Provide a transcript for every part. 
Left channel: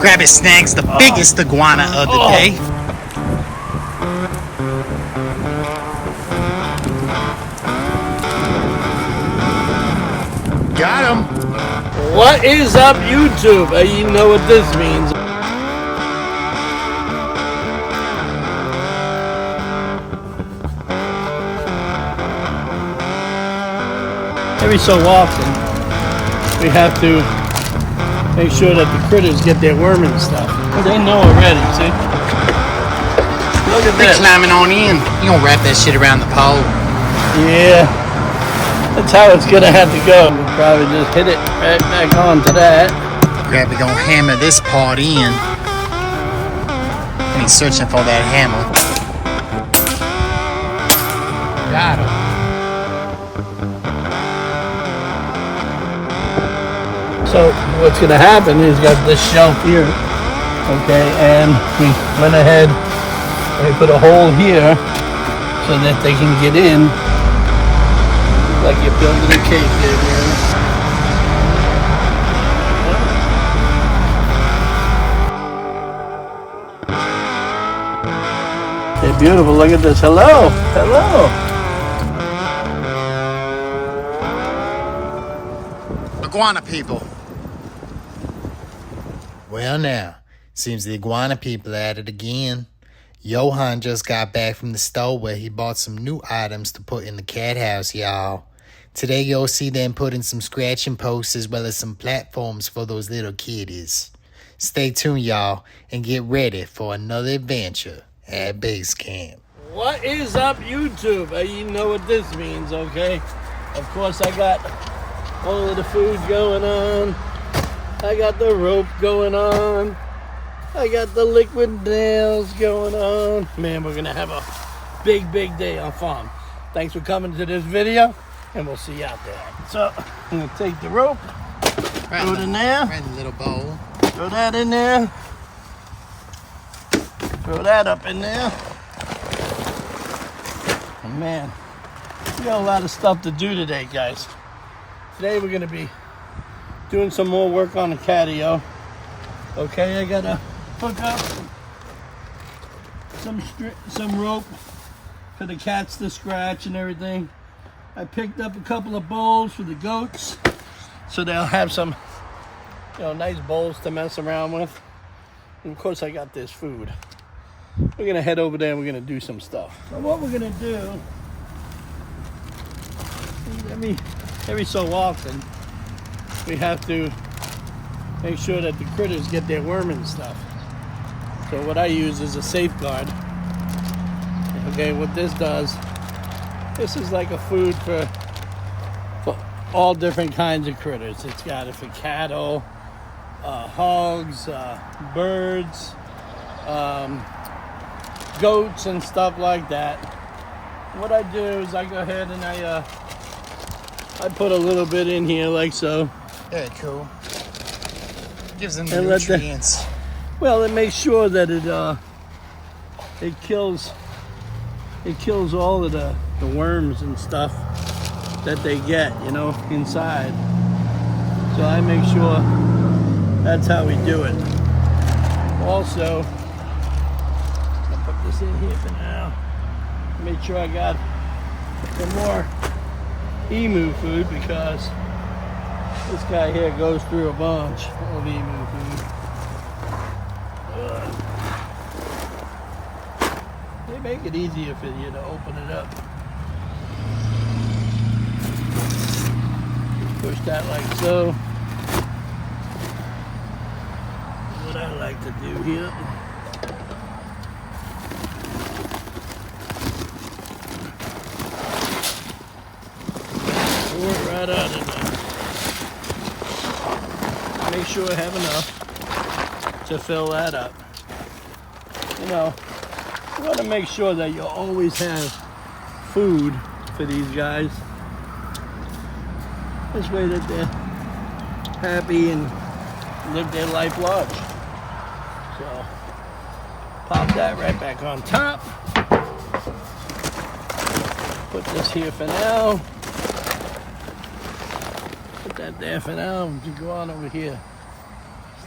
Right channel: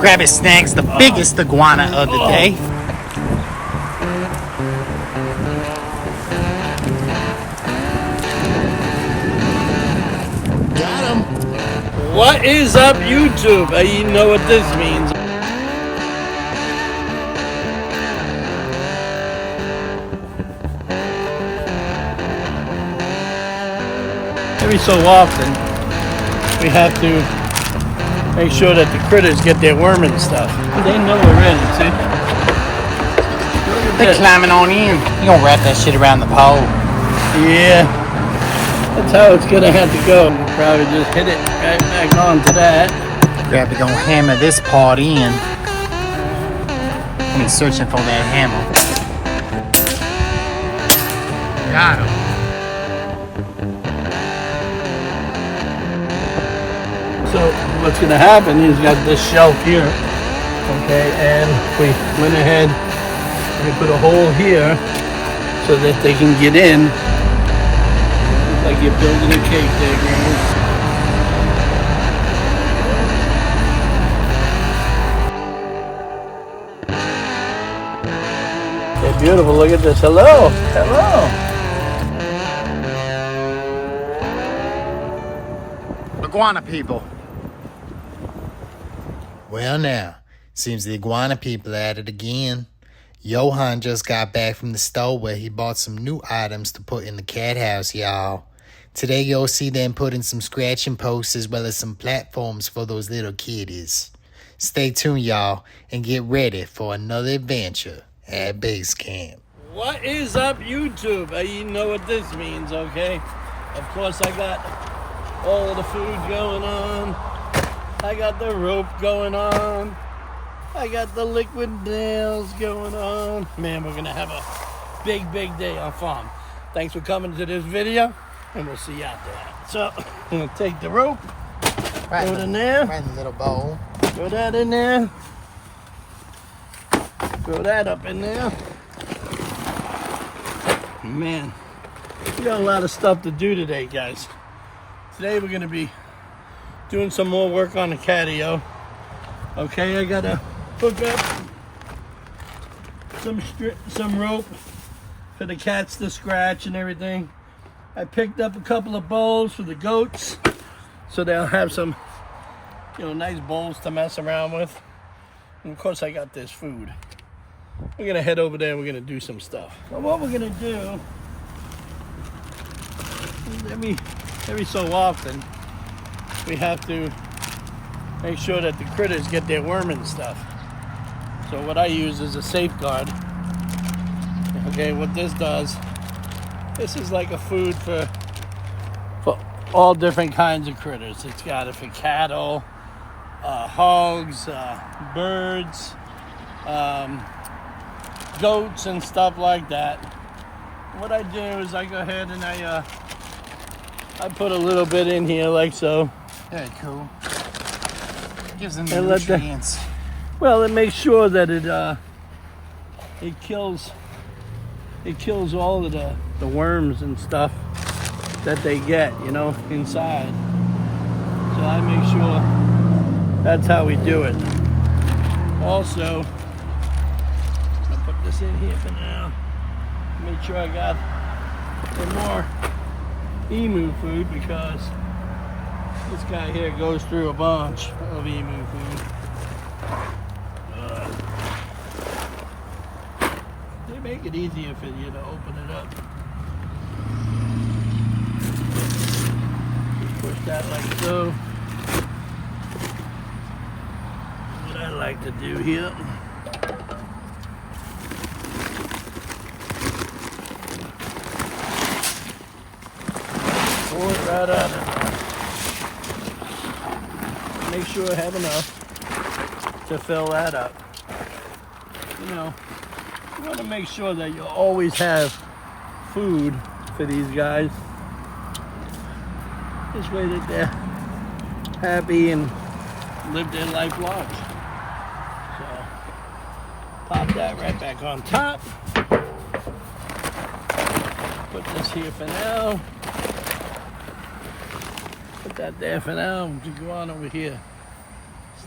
Grab his snacks, the biggest iguana of the day. Got him. What is up, YouTube? You know what this means. Every so often, we have to make sure that the critters get their worm and stuff. They know already, see? Look at They're this. climbing on in. You gonna wrap that shit around the pole. Yeah. That's how it's gonna have to go. We'll probably just hit it right back onto that. Grabby gonna hammer this part in. And he's searching for that hammer. Got him. So what's gonna happen is got this shelf here, okay, and we went ahead and we put a hole here so that they can get in, like you're building a cage there, Granny. They're beautiful. Look at this. Hello, hello. Iguana people. Well now, seems the iguana people are at it again. Johan just got back from the store where he bought some new items to put in the cat house, y'all. Today you'll see them putting some scratching posts as well as some platforms for those little kiddies. Stay tuned, y'all, and get ready for another adventure at base camp. What is up, YouTube? You know what this means, okay? Of course, I got all of the food going on. I got the rope going on. I got the liquid nails going on. Man, we're gonna have a big day on farm. Thanks for coming to this video, and we'll see you out there. So, I'm gonna take the rope, throw it in there. Right in the little bowl. Throw that in there. Throw that up in there. And man, we got a lot of stuff to do today, guys. Today we're gonna be doing some more work on the Catio. Okay, I gotta hook up some rope for the cats to scratch and everything. I picked up a couple of bowls for the goats, so they'll have some, nice bowls to mess around with. And of course, I got this food. We're gonna head over there and we're gonna do some stuff. So what we're gonna do is every so often, we have to make sure that the critters get their worm and stuff. So what I use is a safeguard. Okay, what this does, this is like a food for all different kinds of critters. It's got it for cattle, hogs, birds, goats and stuff like that. What I do is I go ahead and I put a little bit in here like so. Very cool. Gives them the nutrients. Well, it makes sure that it kills all of the worms and stuff that they get, inside. So I make sure that's how we do it. Also, I'll put this in here for now. Make sure I got some more emu food because this guy here goes through a bunch of emu food. They make it easier for you to open it up. Push that like so. What I like to do here. Pour it right out of there. Make sure I have enough to fill that up. You want to make sure that you always have food for these guys. This way that they're happy and live their life large. So, pop that right back on top. Put this here for now. Put that there for now. We can go on over here.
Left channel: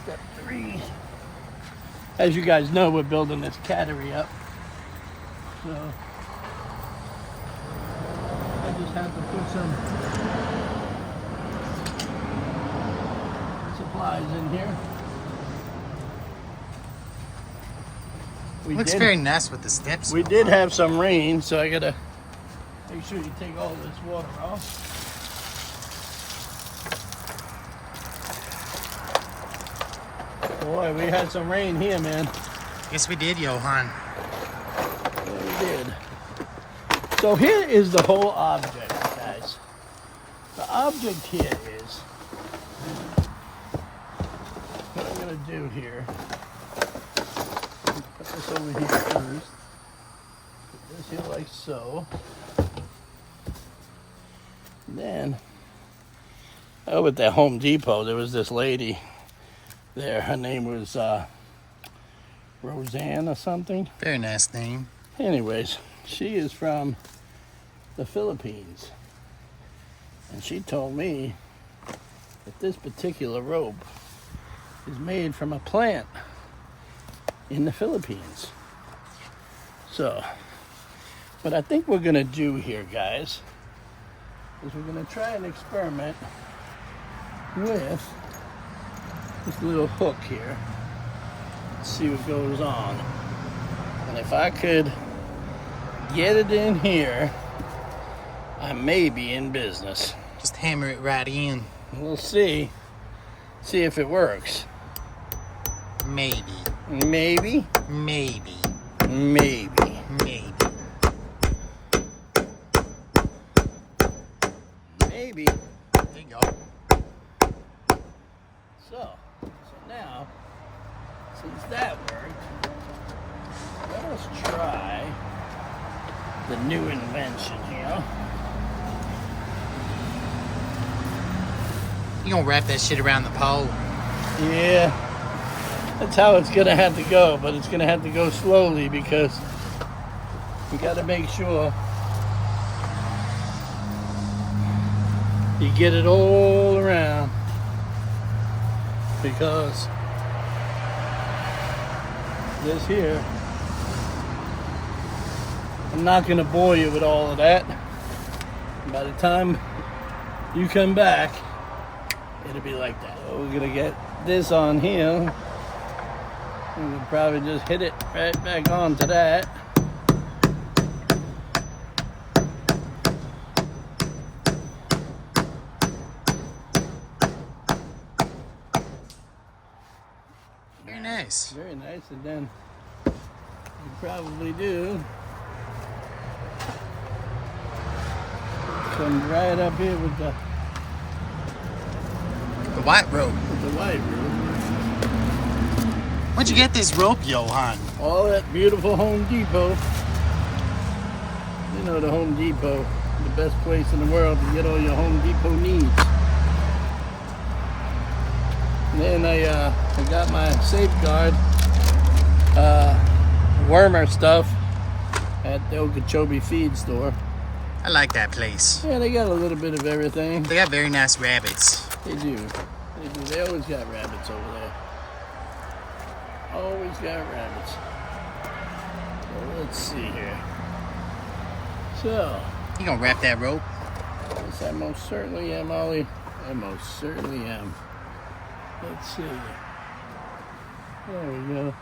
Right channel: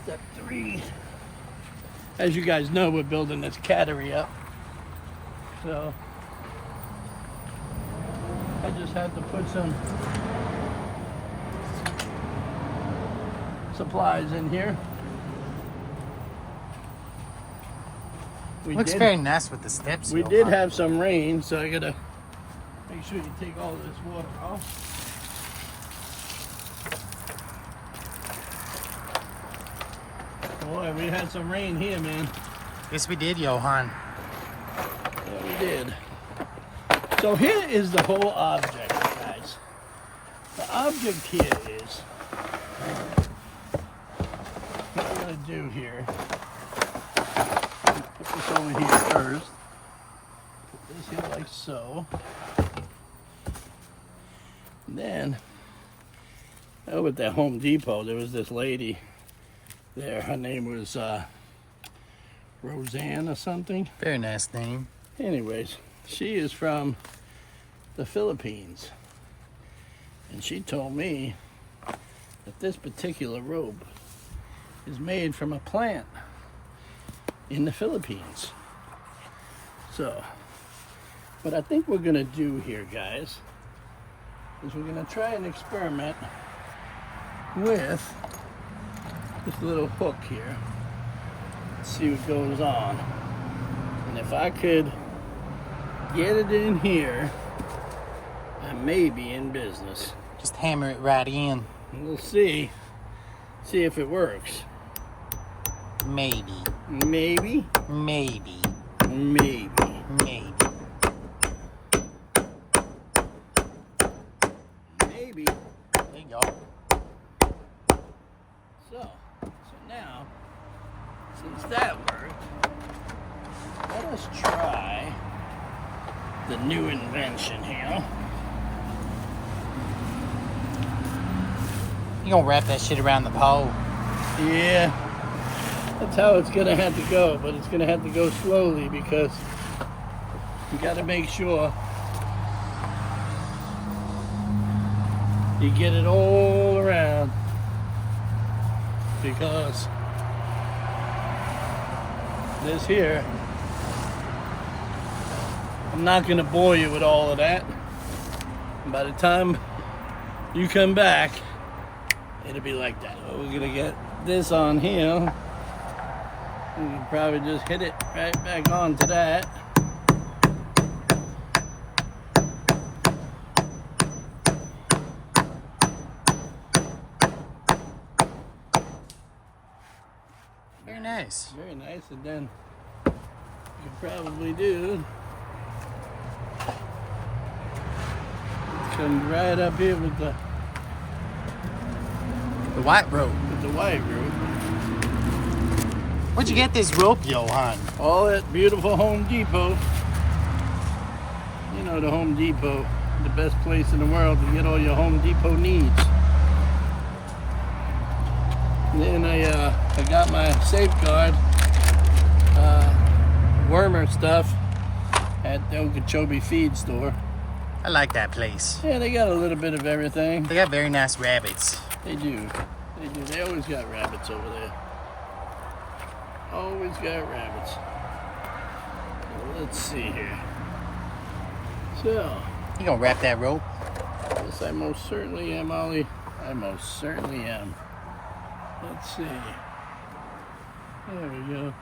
Step 3. As you guys know, we're building this cattery up. So I just have to put some supplies in here. Looks very nice with the steps. We did have some rain, so I gotta make sure you take all this water off. Boy, we had some rain here, man. Yes, we did, Johan. Yeah, we did. So here is the whole object, guys. The object here is what I'm gonna do here. Put this over here first. Put this here like so. And then over at the Home Depot, there was this lady there. Her name was Roseanne or something. Very nice name. Anyways, she is from the Philippines. And she told me that this particular rope is made from a plant in the Philippines. So, what I think we're gonna do here, guys, is we're gonna try and experiment with this little hook here. Let's see what goes on. And if I could get it in here, I may be in business. Just hammer it right in. We'll see. See if it works. Maybe. Maybe. Maybe. Maybe. Maybe. Maybe. There you go. So now, since that worked, let us try the new invention here. You gonna wrap that shit around the pole? Yeah, that's how it's gonna have to go, but it's gonna have to go slowly because we gotta make sure you get it all around, because this here, I'm not gonna bore you with all of that. By the time you come back, it'll be like that. So we're gonna get this on here. We can probably just hit it right back onto that. Very nice. Very nice. And then you can probably do, come right up here with the white rope. white rope. Where'd you get this rope, Johan? All that beautiful Home Depot. You know the Home Depot, the best place in the world to get all your Home Depot needs. And then I got my Safeguard wormer stuff at the Okeechobee feed store. I like that place. Yeah, they got a little bit of everything. They got very nice rabbits. They do. They do. They always got rabbits over there. Always got rabbits. So let's see here. So, You gonna wrap that rope? yes, I most certainly am, Ollie. I most certainly am. Let's see. There we go.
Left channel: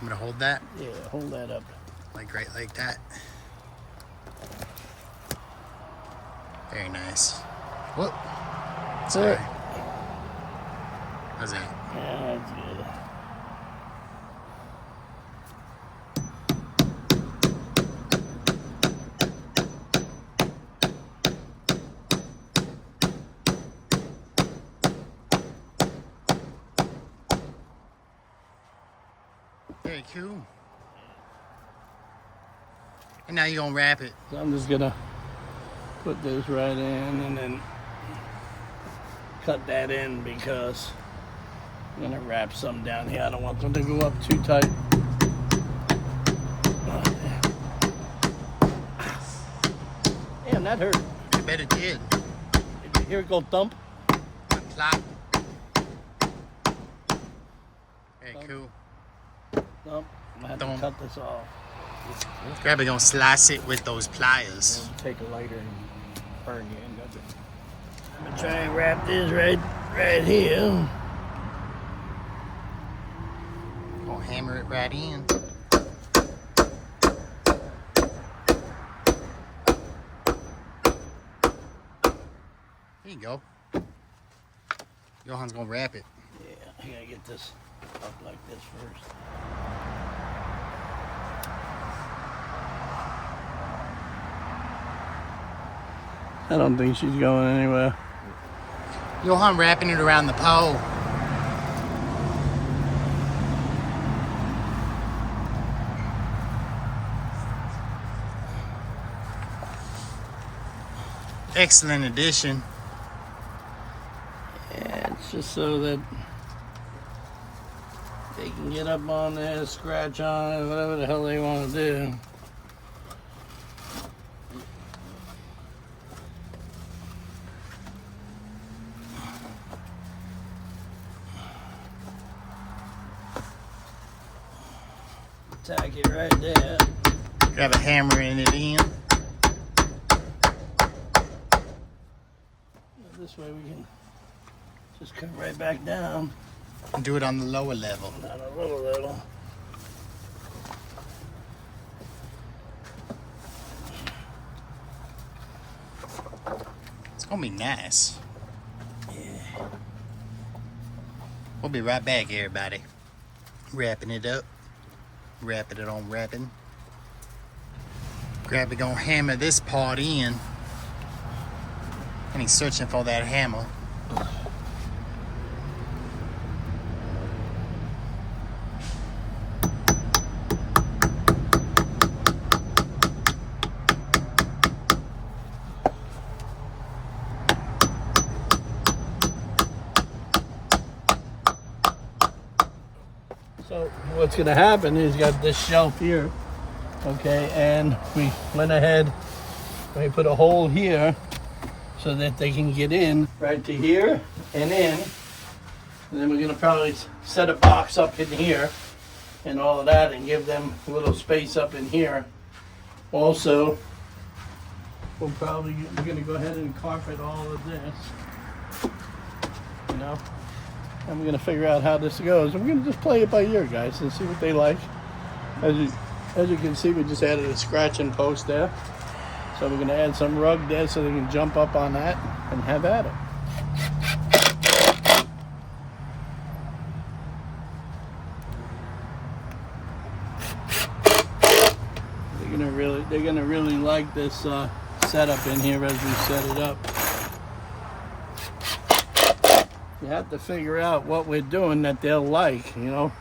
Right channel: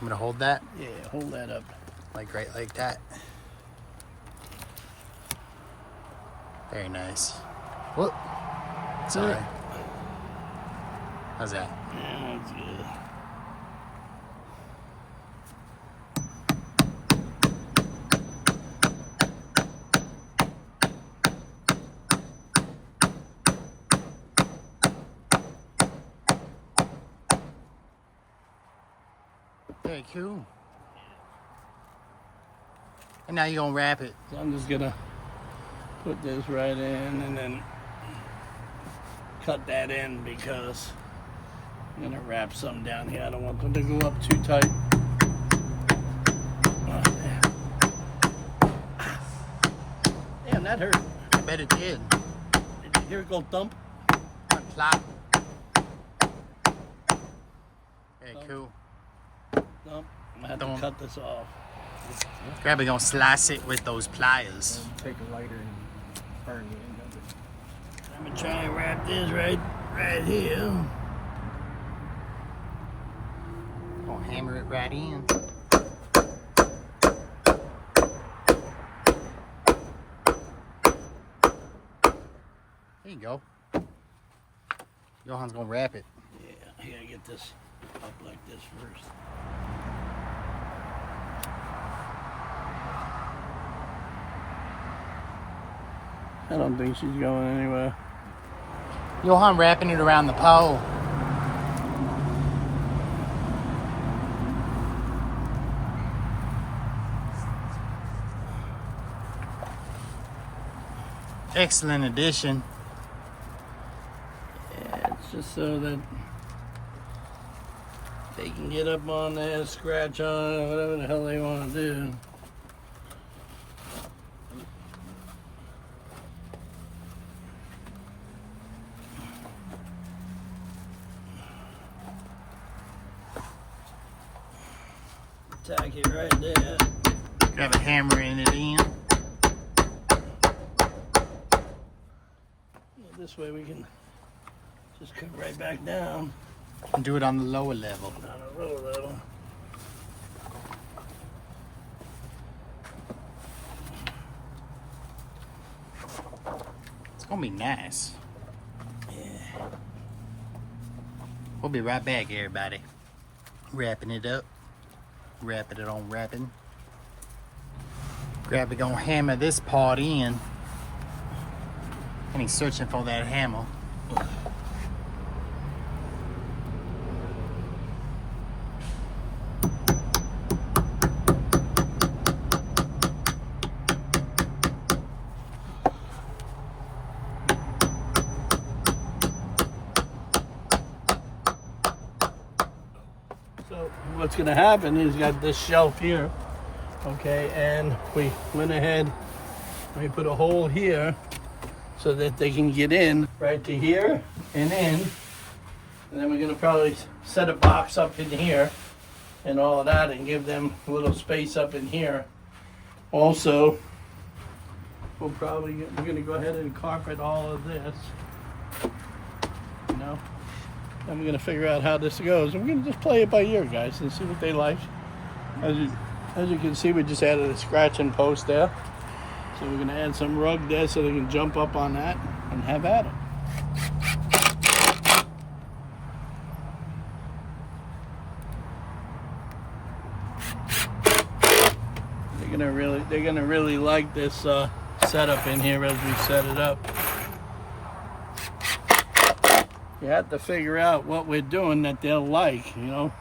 I'm gonna hold that, Yeah, hold that up. like right like that. Very nice. Whoop. Sorry. How's that? Yeah, that's good. Very cool. And now you're gonna wrap it. So I'm just gonna put this right in and then cut that in because I'm gonna wrap some down here. I don't want them to go up too tight. Oh, yeah. Damn, that hurt. I bet it did. Did you hear it go thump? Plop. Very cool. Nope, I'm gonna have to cut this off. Grabby gonna slice it with those pliers. Take a lighter and burn the end of it. I'm gonna try and wrap this right here. Gonna hammer it right in. There you go. Johan's gonna wrap it. Yeah, I gotta get this up like this first. I don't think she's going anywhere. Johan wrapping it around the pole. Excellent addition. Yeah, it's just so that they can get up on there, scratch on it, whatever the hell they want to do. Tack it right there. Grab a hammer in it in. This way we can just come right back down. And do it on the lower level. Not a little. It's gonna be nice. Yeah. We'll be right back, everybody. Wrapping it up. Wrapping it on wrapping. Grabby gonna hammer this part in. And he's searching for that hammer. So what's gonna happen is he's got this shelf here, okay, and we went ahead, we put a hole here so that they can get in right to here and in, and then we're gonna probably set a box up in here and all of that and give them a little space up in here. Also, we're gonna go ahead and carpet all of this, you know. And we're gonna figure out how this goes. And we're gonna just play it by ear, guys, and see what they like. As you can see, we just added a scratching post there. So we're gonna add some rug there so they can jump up on that and have at it. They're gonna really like this setup in here as we set it up. You have to figure out what we're doing that they'll like, you know.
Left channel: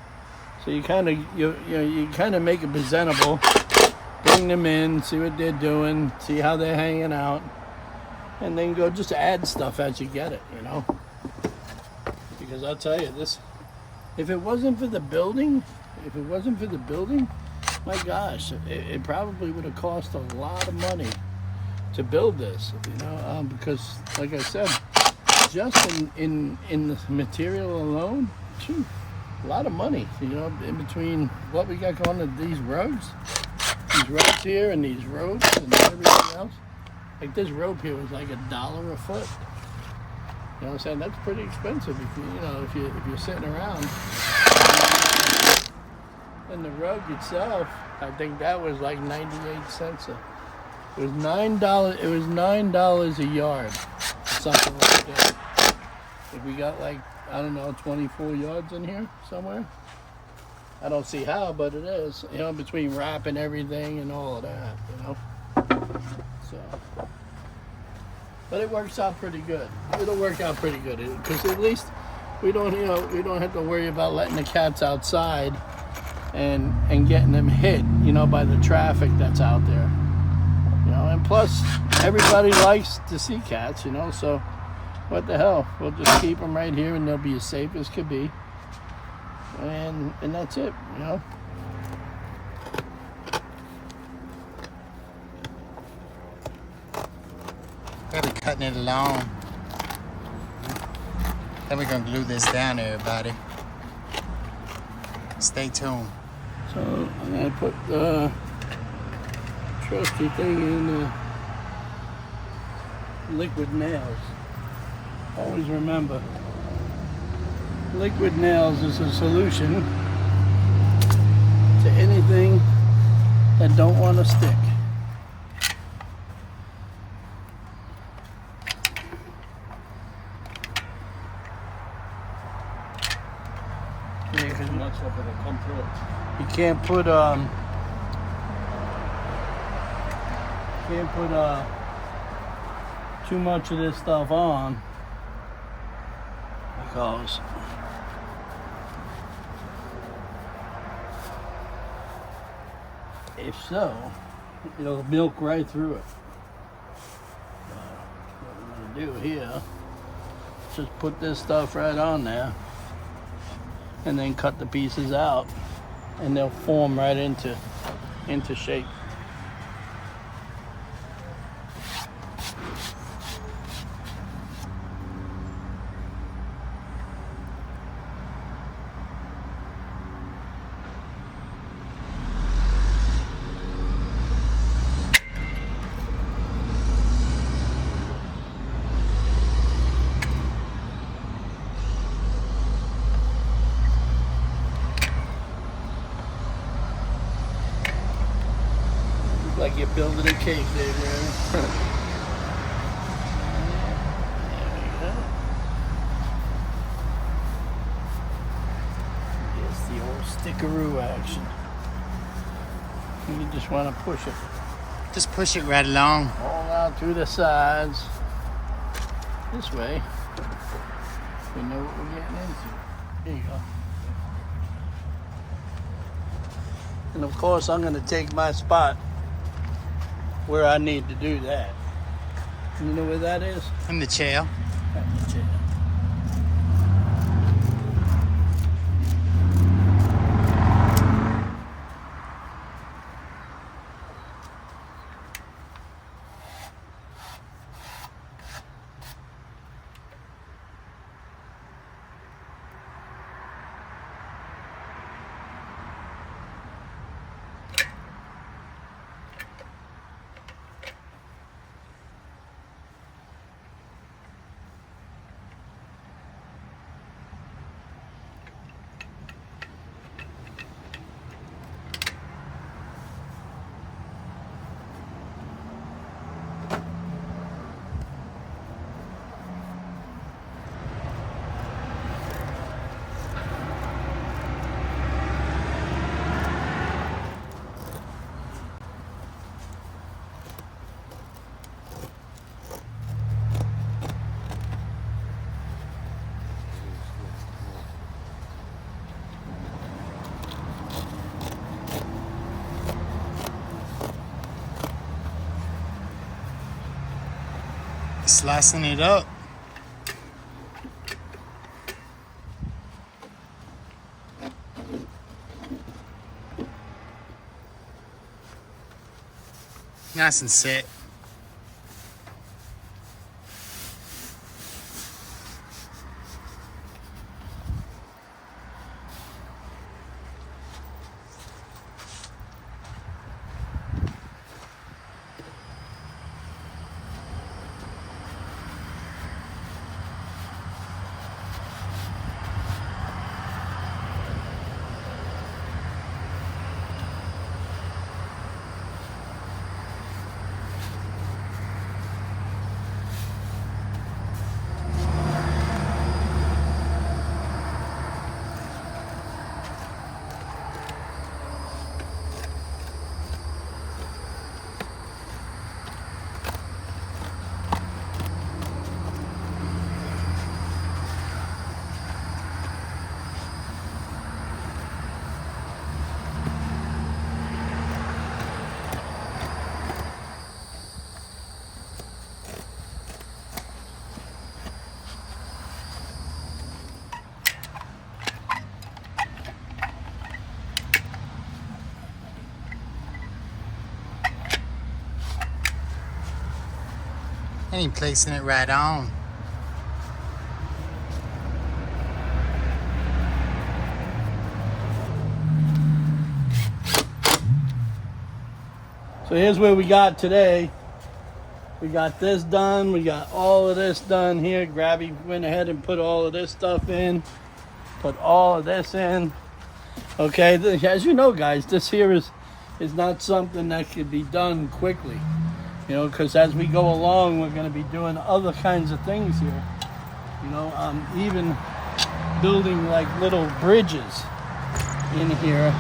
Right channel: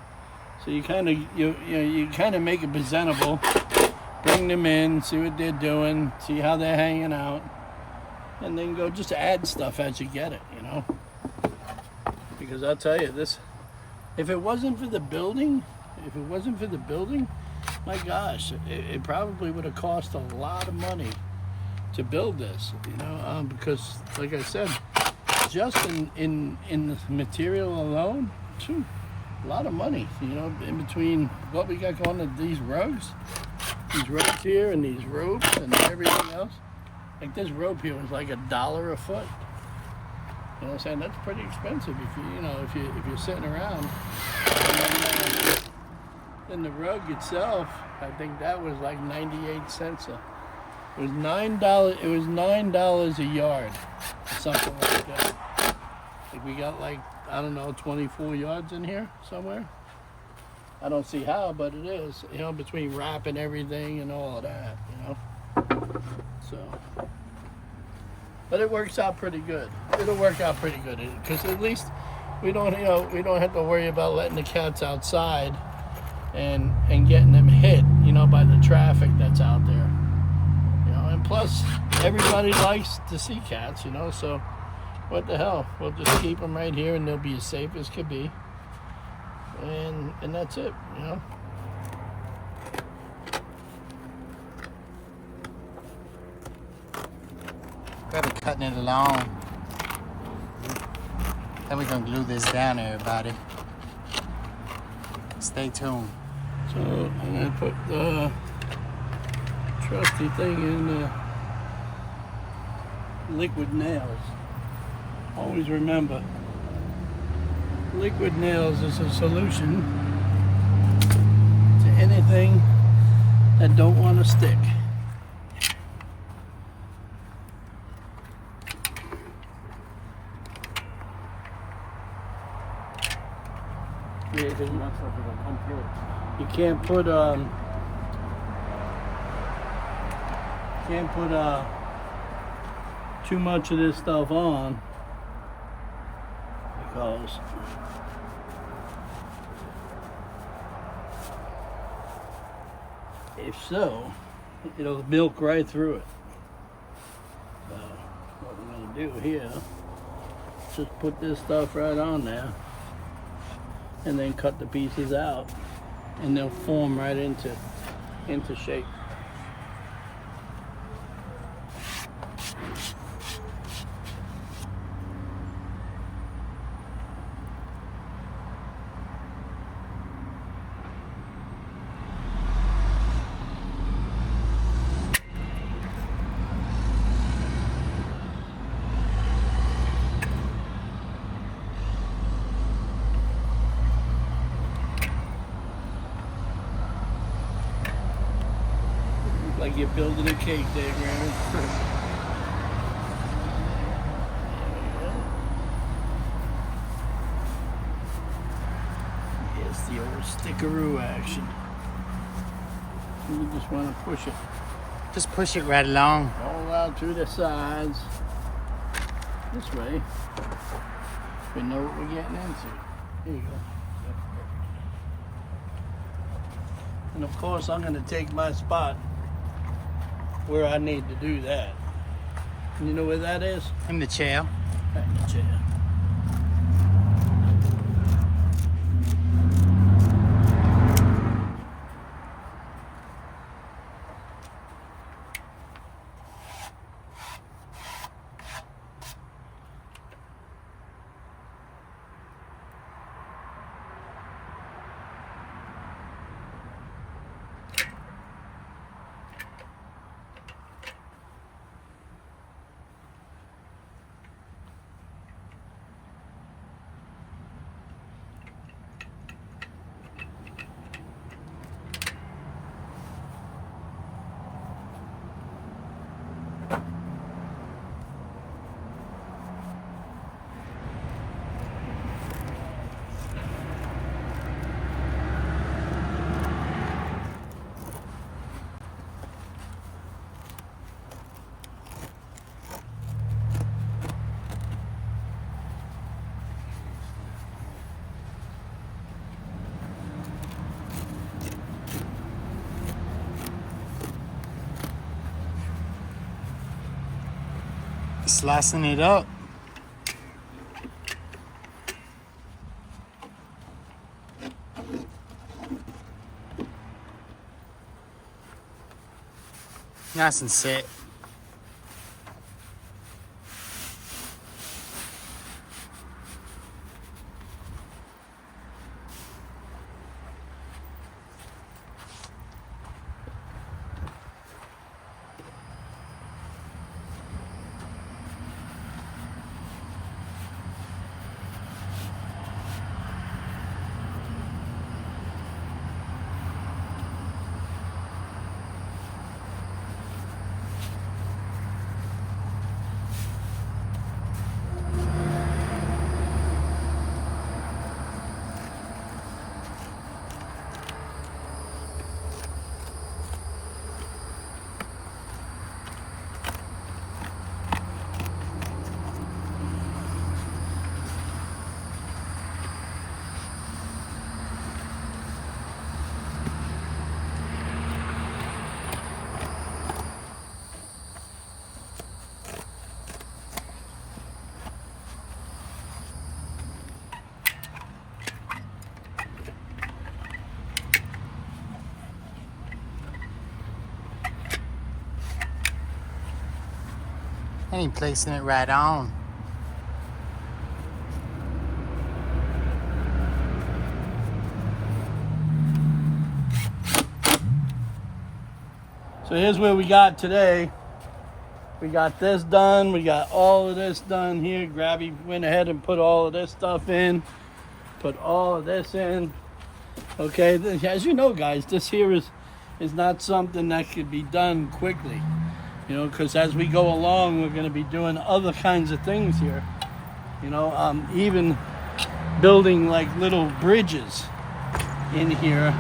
So you kind of make it presentable, bring them in, see what they're doing, see how they're hanging out, and then go just add stuff as you get it, you know. Because I'll tell you this, if it wasn't for the building, my gosh, it probably would have cost a lot of money to build this, you know, because like I said, just in the material alone, phew, a lot of money, you know, in between what we got going on these rugs here and these ropes and everything else. Like this rope here was like $1 a foot. You know what I'm saying? That's pretty expensive if you're sitting around. And the rug itself, I think that was like 98 cents. It was $9. It was $9 a yard, something like that. If we got like, I don't know, 24 yards in here somewhere. I don't see how, but it is. You know, between wrapping everything and all of that, you know. So, but it works out pretty good. It'll work out pretty good because at least we don't have to worry about letting the cats outside and getting them hit, you know, by the traffic that's out there. You know, and plus everybody likes to see cats, you know, so what the hell? We'll just keep them right here and they'll be as safe as could be. And that's it, you know. Gotta be cutting it along. Then we're gonna glue this down, everybody. Stay tuned. So I'm gonna put the trusty thing in the liquid nails. Always remember, liquid nails is a solution to anything that don't want to stick. As much of it will come through it. You can't put too much of this stuff on, because if so, it'll milk right through it. So what we're gonna do here, just put this stuff right on there, and then cut the pieces out, and they'll form right into shape. Like you're building a cake there, Granny. It's the old stickaroo action. You just want to push it Just push it right along. all out through the sides. This way, we know what we're getting into. Here you go. And of course, I'm going to take my spot where I need to do that. You know where that is? In the chair. Right in the chair. Slicing it up. Nice and set. And you're placing it right on. So here's where we got today. We got this done. We got all of this done here. Grabby went ahead and put all of this stuff in. Put all of this in. Okay, as you know, guys, this here is not something that could be done quickly. You know, because as we go along, we're going to be doing other kinds of things here. You know, even building like little bridges in here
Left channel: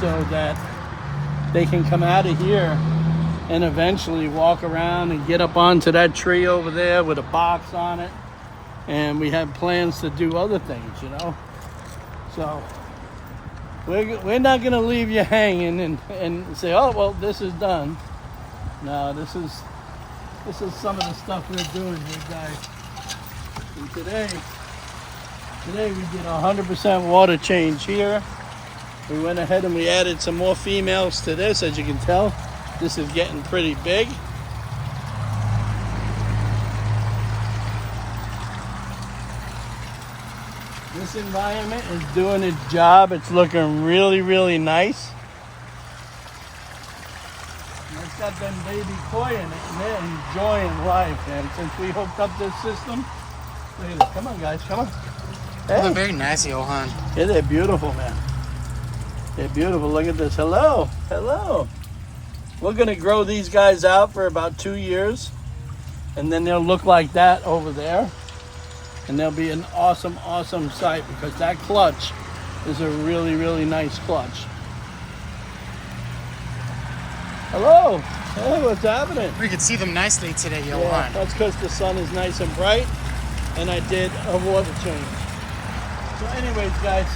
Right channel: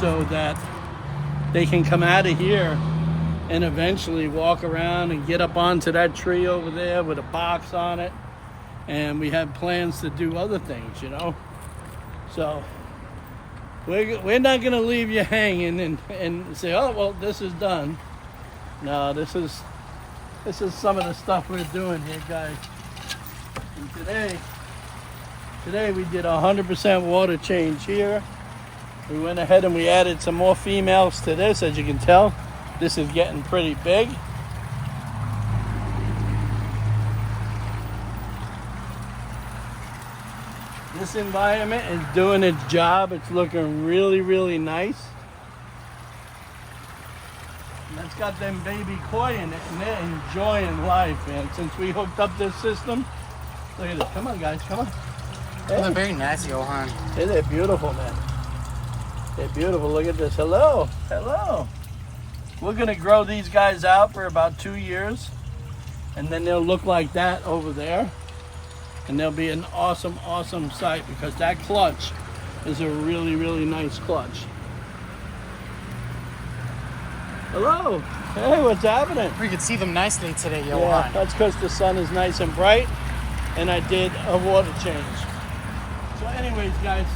so that they can come out of here and eventually walk around and get up onto that tree over there with a box on it. And we have plans to do other things, you know. So we're not going to leave you hanging and say, oh, well, this is done. No, this is some of the stuff we're doing here, guys. And today we did 100% water change here. We went ahead and we added some more females to this. As you can tell, this is getting pretty big. This environment is doing its job. It's looking really, really nice. And it's got them baby koi in it, and they're enjoying life, man. Since we hooked up this system, look at this. Come on, guys, come on. Hey. Oh, they're very nice, Johan. Yeah, they're beautiful, man. They're beautiful. Look at this. Hello, hello. We're gonna grow these guys out for about 2 years, and then they'll look like that over there. And they'll be an awesome, awesome sight because that clutch is a really, really nice clutch. Hello. Hey, what's happening? We could see them nicely today, Johan. Yeah, that's because the sun is nice and bright, and I did a water change. So anyways, guys,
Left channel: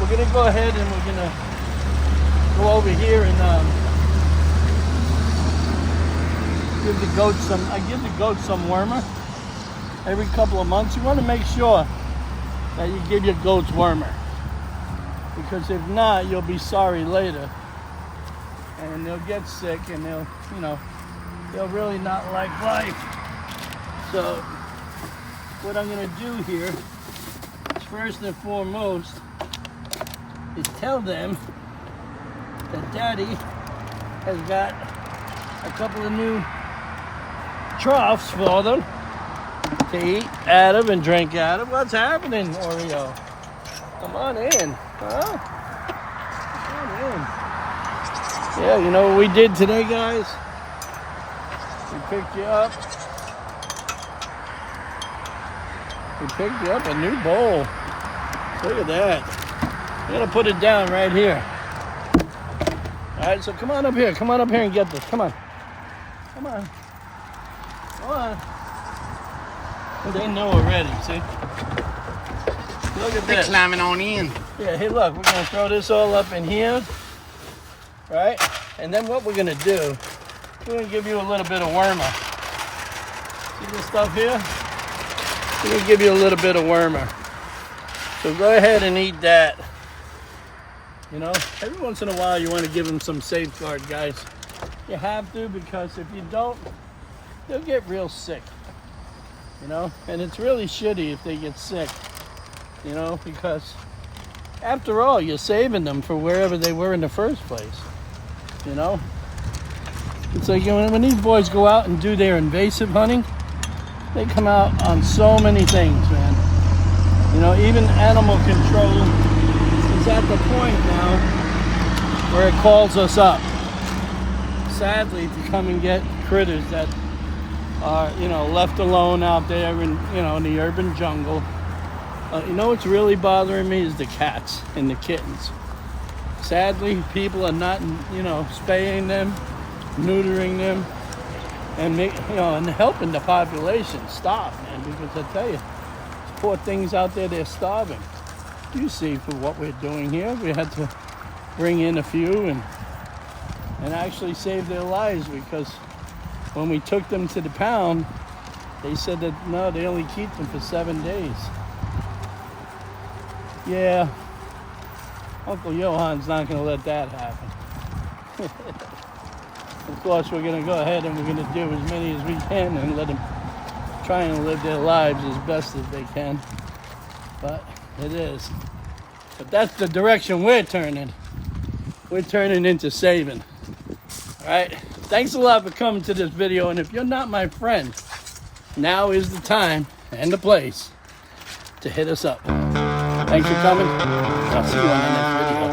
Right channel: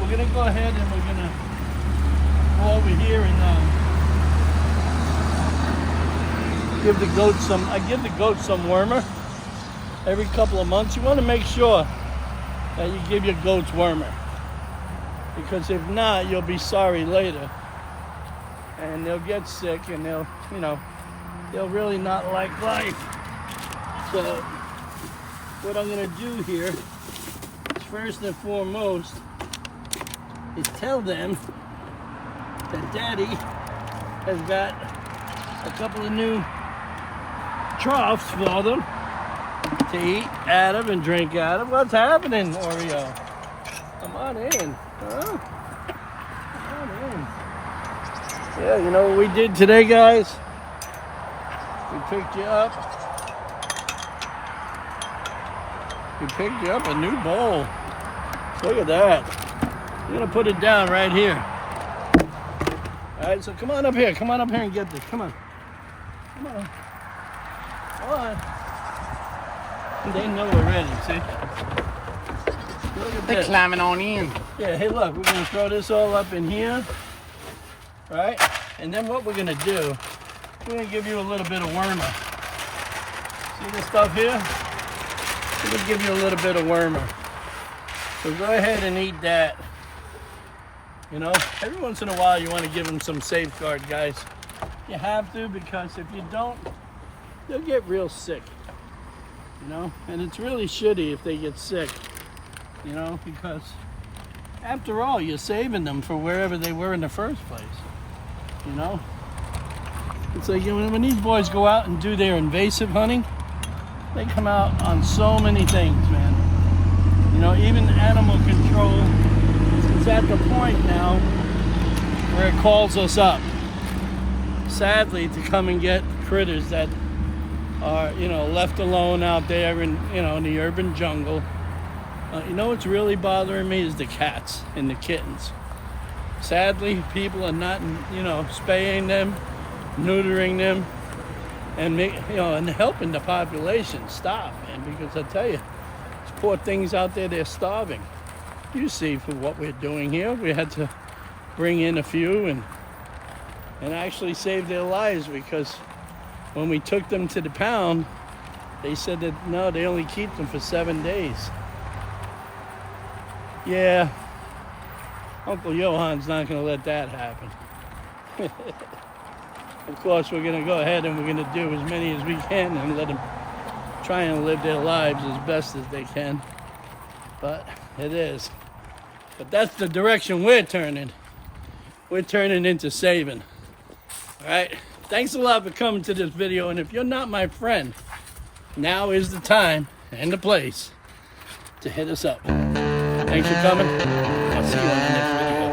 we're going to go ahead and we're going to go over here and give the goats some, I give the goats some wormer. Every couple of months, you want to make sure that you give your goats wormer, because if not, you'll be sorry later, and they'll get sick, and they'll really not like life. So, what I'm going to do here, first and foremost, is tell them that Daddy has got a couple of new troughs for them to eat out of and drink out of. What's happening, Oreo? Come on in. Huh? Come on in. Yeah, you know what we did today, guys? We picked you up. We picked you up a new bowl. Look at that. We're gonna put it down right here. All right, so come on up here. Come on up here and get this. Come on. Come on. Come on. They know already, see? Look at They're this. climbing on in. Yeah, hey look, we're gonna throw this all up in here, right? And then what we're gonna do, we're gonna give you a little bit of wormer. See this stuff here? We're gonna give you a little bit of wormer. So go ahead and eat that. You know, every once in a while you wanna give them some safeguard, guys. You have to, because if you don't, they'll get real sick. You know, and it's really shitty if they get sick, you know, because after all, you're saving them for wherever they were in the first place, you know. It's like when these boys go out and do their invasive hunting, they come out on so many things, man. You know, even animal control is at the point now where it calls us up, sadly, to come and get critters that are, you know, left alone out there in, you know, in the urban jungle. You know what's really bothering me is the cats and the kittens. Sadly, people are not, you know, spaying them, neutering them, and and helping the population stop, man. Because I tell you, poor things out there, they're starving. You see, for what we're doing here, we had to bring in a few and actually save their lives, because when we took them to the pound, they said that no, they only keep them for 7 days. Yeah, Uncle Johan's not going to let that happen. Of course, we're going to go ahead and we're going to do as many as we can and let them try and live their lives as best as they can. But it is. But that's the direction we're turning. we're turning into saving. All right. Thanks a lot for coming to this video. And if you're not my friend, now is the time and the place to hit us up. Thanks for coming. I'll see you on the next video.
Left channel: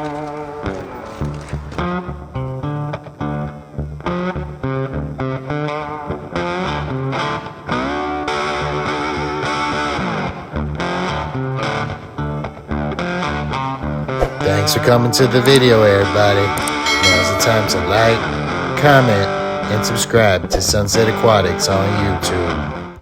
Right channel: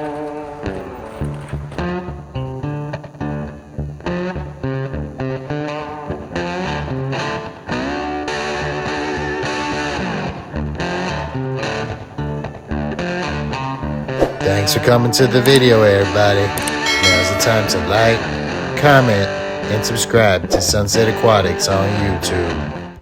Thanks for coming to the video, everybody. Now's the time to like, comment, and subscribe to Sunset Aquatics on YouTube.